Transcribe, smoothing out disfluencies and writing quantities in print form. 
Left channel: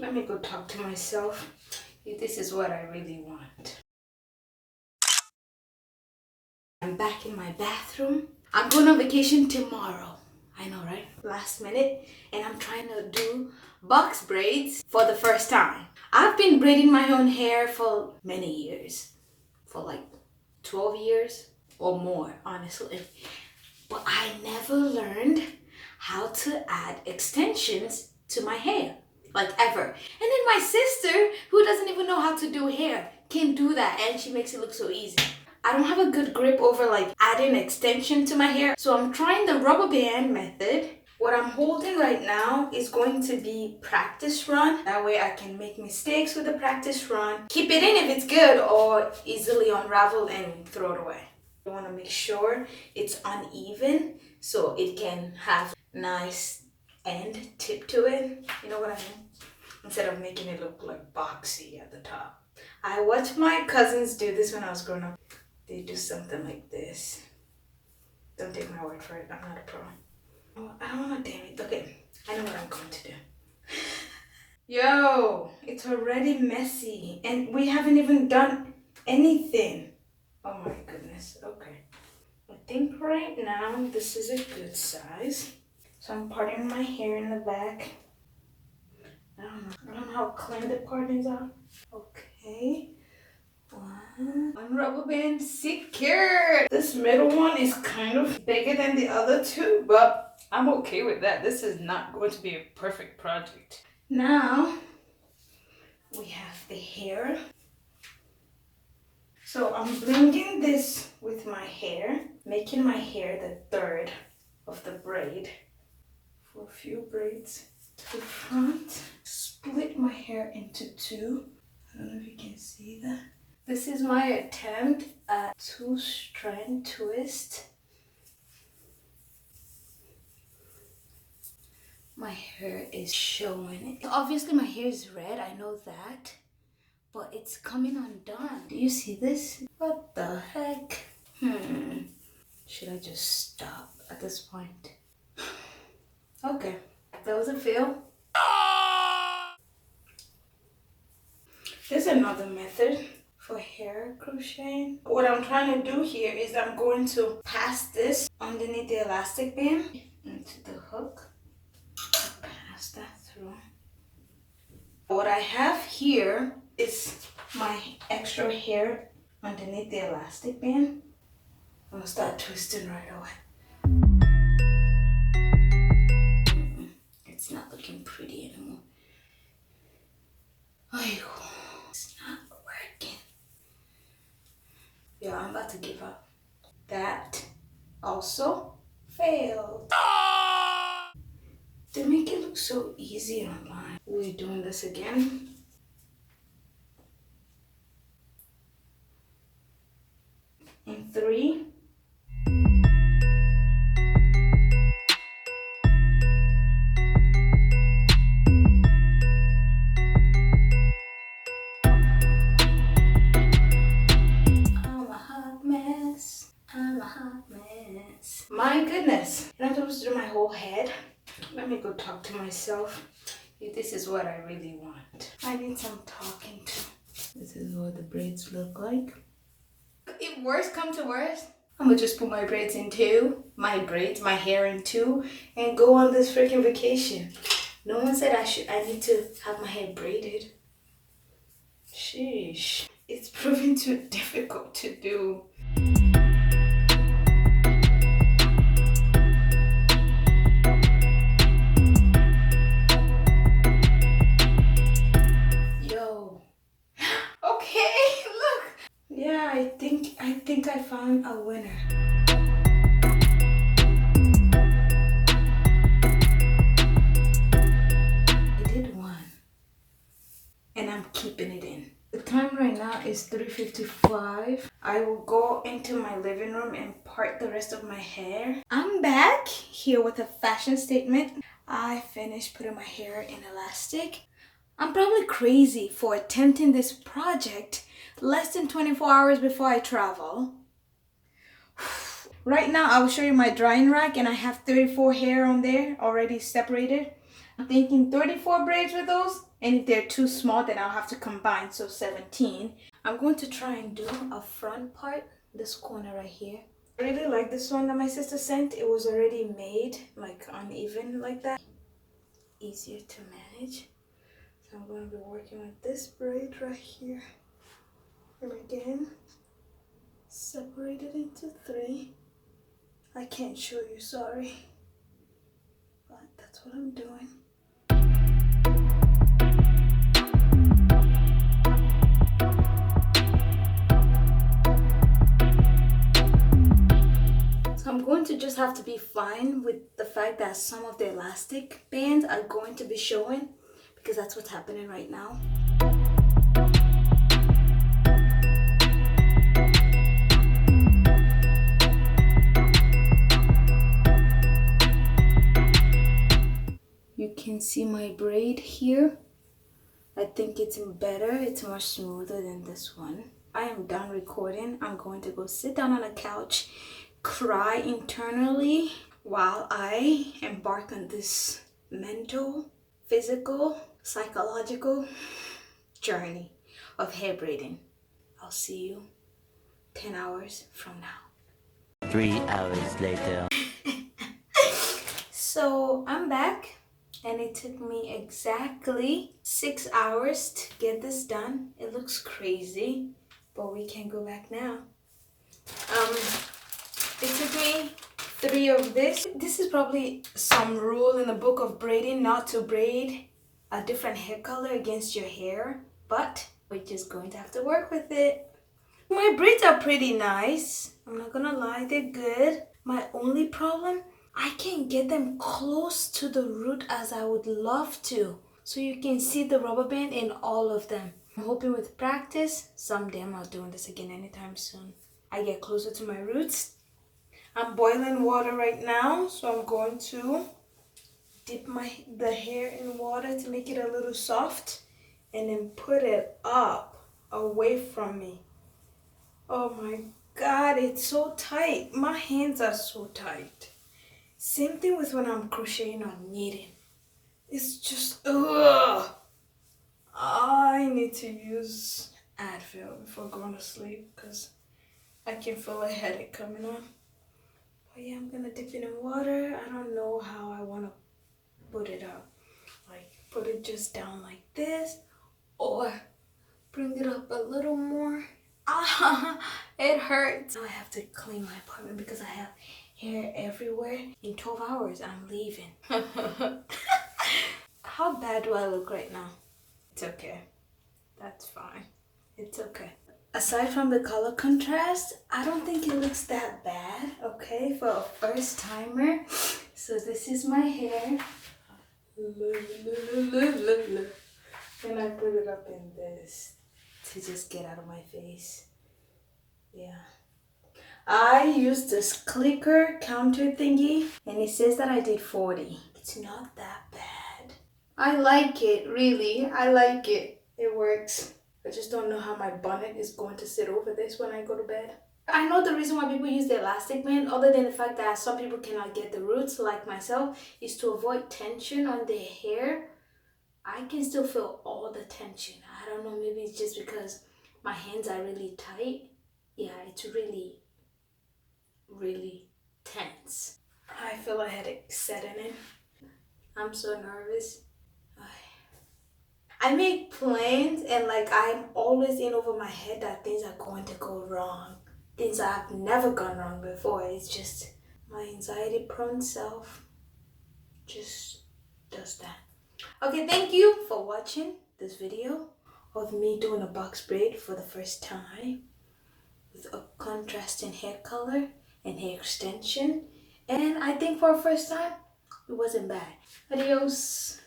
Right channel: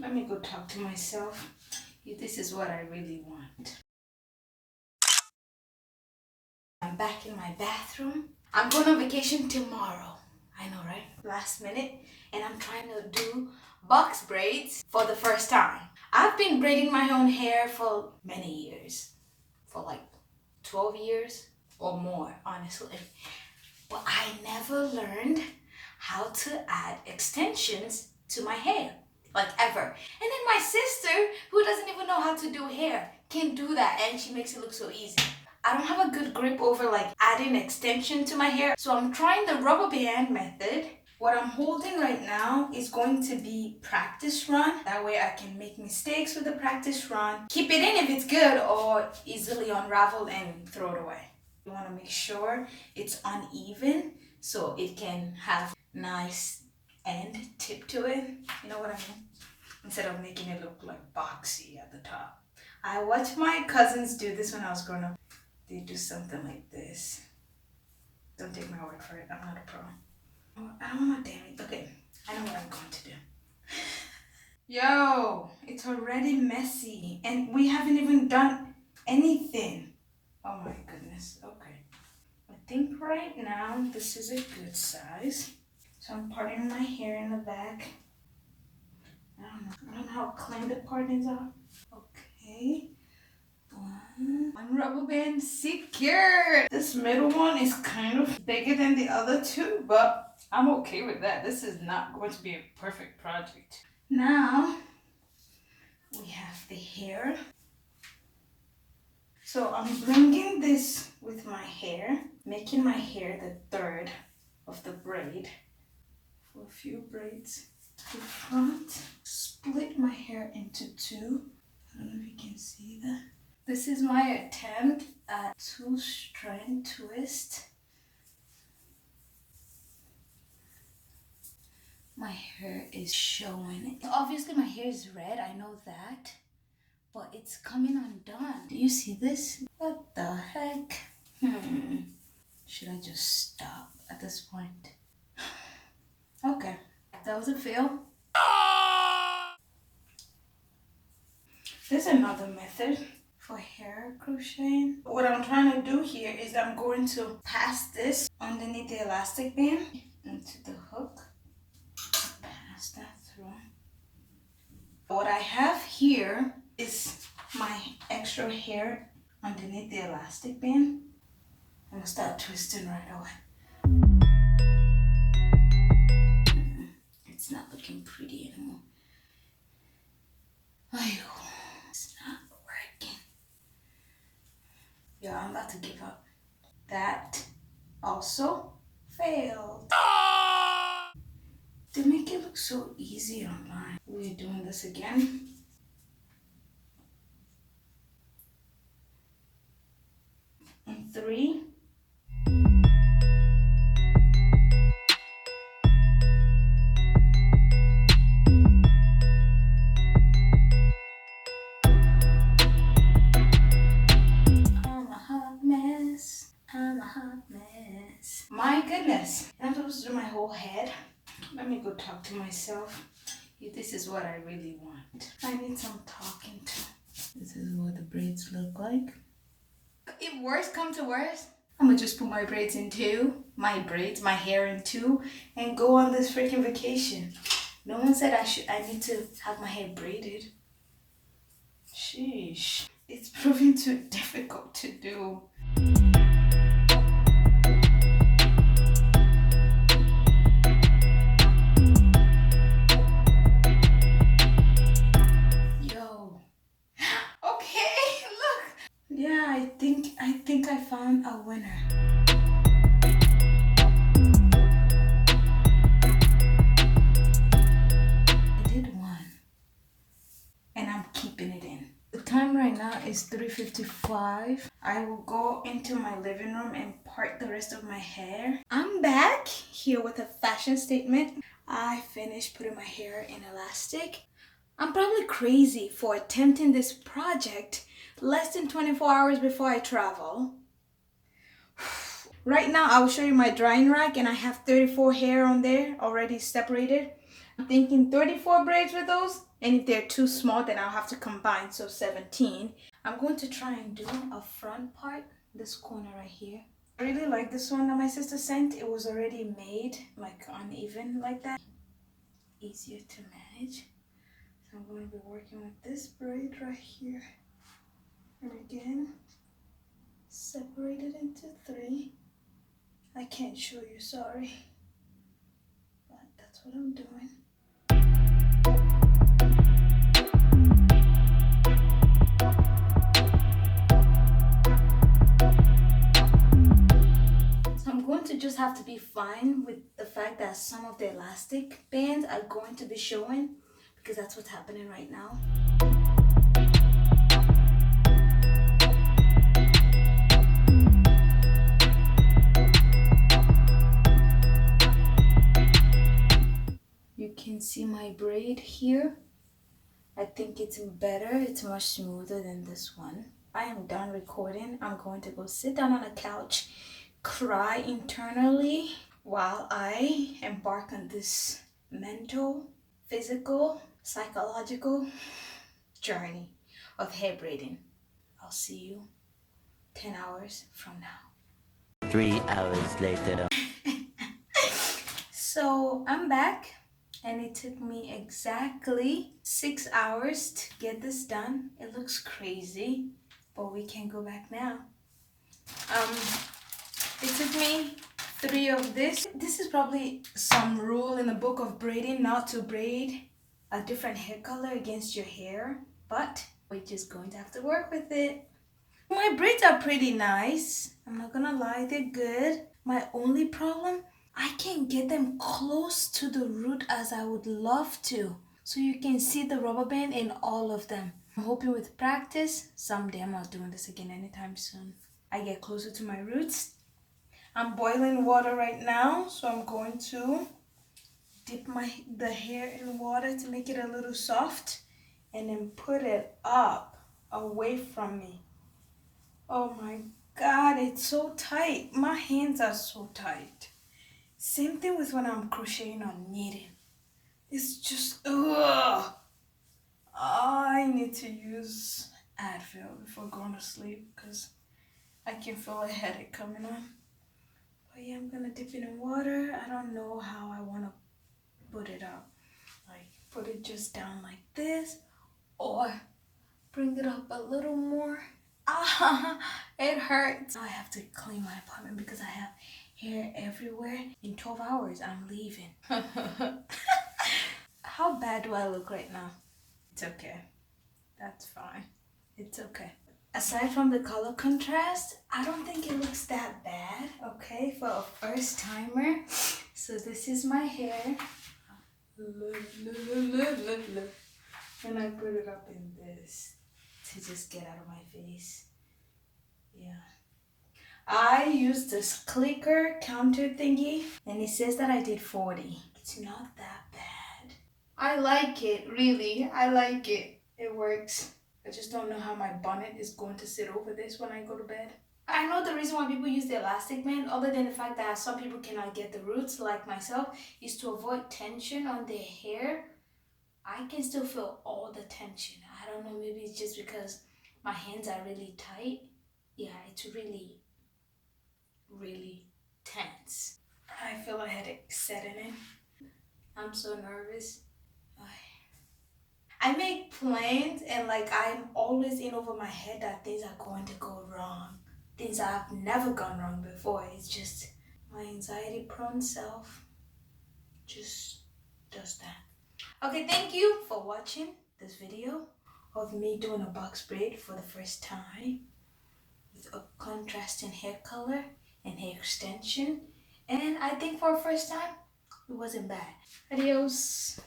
Let me go talk to myself. This is what I really want. I'm back in my bathroom. I'm going on vacation tomorrow. I know, right? Last minute. And I'm trying to do box braids for the first time. I've been braiding my own hair for many years. For like 12 years or more, honestly. But I never learned how to add extensions to my hair. Like ever. And then my sister, who doesn't even know how to do hair, can do that, and she makes it look so easy. I don't have a good grip over like adding extension to my hair, so I'm trying the rubber band method. What I'm holding right now is going to be practice run. That way I can make mistakes with the practice run, keep it in if it's good, or easily unravel and throw it away. You want to make sure it's uneven so it can have nice end tip to it. You know what I mean? Instead of making it look like boxy at the top. I watched my cousins do this when I was growing up. They do something like this. Don't take my word for it. I'm not a pro. Oh, I don't want to damn it. Okay, I know what I'm going to do. Yo, it's already messy and we haven't even done anything. Oh my goodness. Okay. I think right now this is a good size. So I'm parting my hair in the back. I don't know how clean the partings are. Okay. One rubber band secured. This middle one is kind of bigger than the other two, but I'm okay with that. This is not going to be a perfect project. Now we have the hair. So I'm blending this with my hair, making my hair the third of the braid. For a few braids to the front. Split my hair into two. I don't know if you can see that. This is my attempt at 2-strand twist. My hair is showing. Obviously my hair is red, I know that. But it's coming undone. Do you see this? What the heck? Should I just stop at this point? Okay, that was a fail. There's another method for hair crocheting. What I'm trying to do here is I'm going to pass this underneath the elastic band into the hook. Pass that through. What I have here is my extra hair underneath the elastic band. I'm gonna start twisting right away. It's not looking pretty anymore. It's not working. Yeah, I'm about to give up. That also failed. They make it look so easy online. We're doing this again. In 3. I'm a hot mess. My goodness. And I'm supposed to do my whole head. Let me go talk to myself. This is what I really want. I need some talking to. This is what the braids look like. If worst come to worst, I'm gonna just put my braids in two. My hair in two, and go on this freaking vacation. No one said I need to have my hair braided. Sheesh. It's proving too difficult to do. I think I found a winner. I did one. And I'm keeping it in. The time right now is 3:55. I will go into my living room and part the rest of my hair. I'm back here with a fashion statement. I finished putting my hair in elastic. I'm probably crazy for attempting this project less than 24 hours before I travel. Right now, I will show you my drying rack, and I have 34 hair on there already separated. I'm thinking 34 braids with those And if they're too small, then I'll have to combine, so 17. I'm going to try and do a front part, this corner right here. I really like this one that my sister sent. It was already made like uneven like that. Easier to manage. So I'm going to be working with this braid right here. And again, separate it into 3. I can't show you, sorry. But that's what I'm doing. I'm going to just have to be fine with the fact that some of the elastic bands are going to be showing, because that's what's happening right now. You can see my braid here. I think it's better. It's much smoother than this one. I am done recording. I'm going to go sit down on a couch, cry internally while I embark on this mental, physical, psychological journey of hair braiding. I'll see you 10 hours from now. 3 hours later. So I'm back, and it took me exactly 6 hours to get this done. It looks crazy, but we can go back now. It took me 3 of this. This is probably some rule in the book of braiding not to braid a different hair color against your hair, but we're just going to have to work with it. My braids are pretty nice. I'm not gonna lie, they're good. My only problem, I can't get them close to the root as I would love to. So you can see the rubber band in all of them. I'm hoping with practice, someday I'm not doing this again anytime soon, I get closer to my roots. I'm boiling water right now, so I'm going to dip the hair in water to make it a little soft and then put it up away from me. Oh my God, it's so tight. My hands are so tight. Same thing with when I'm crocheting or knitting. It's just, ugh. I need to use Advil before going to sleep because I can feel a headache coming on. But yeah, I'm gonna dip it in water. I don't know how I want to put it up. Like, put it just down like this or bring it up a little more. Ah, it hurts. Now I have to clean my apartment because I have hair everywhere. In 12 hours, I'm leaving. How bad do I look right now? It's okay. That's fine. It's okay. Aside from the color contrast, I don't think it looks that bad, okay, for a first timer. So this is my hair. When I put it up in this to just get out of my face. Yeah. I used this clicker counter thingy and it says that I did 40. It's not that bad. I like it, really. I like it. It works. I just don't know how my bonnet is going to sit over this when I go to bed. I know the reason why people use the elastic band, other than the fact that some people cannot get the roots like myself, is to avoid tension on their hair. I can still feel all the tension. I don't know, maybe it's just because my hands are really tight. Yeah, it's really, really tense. I feel a headache setting in. I'm so nervous. I make plans and like I'm always in over my head that things are going to go wrong. Things that have never gone wrong before. It's just my anxiety prone self just does that. Okay, thank you for watching this video of me doing a box braid for the first time with a contrasting hair color and hair extension. And I think for a first time, it wasn't bad. Adios.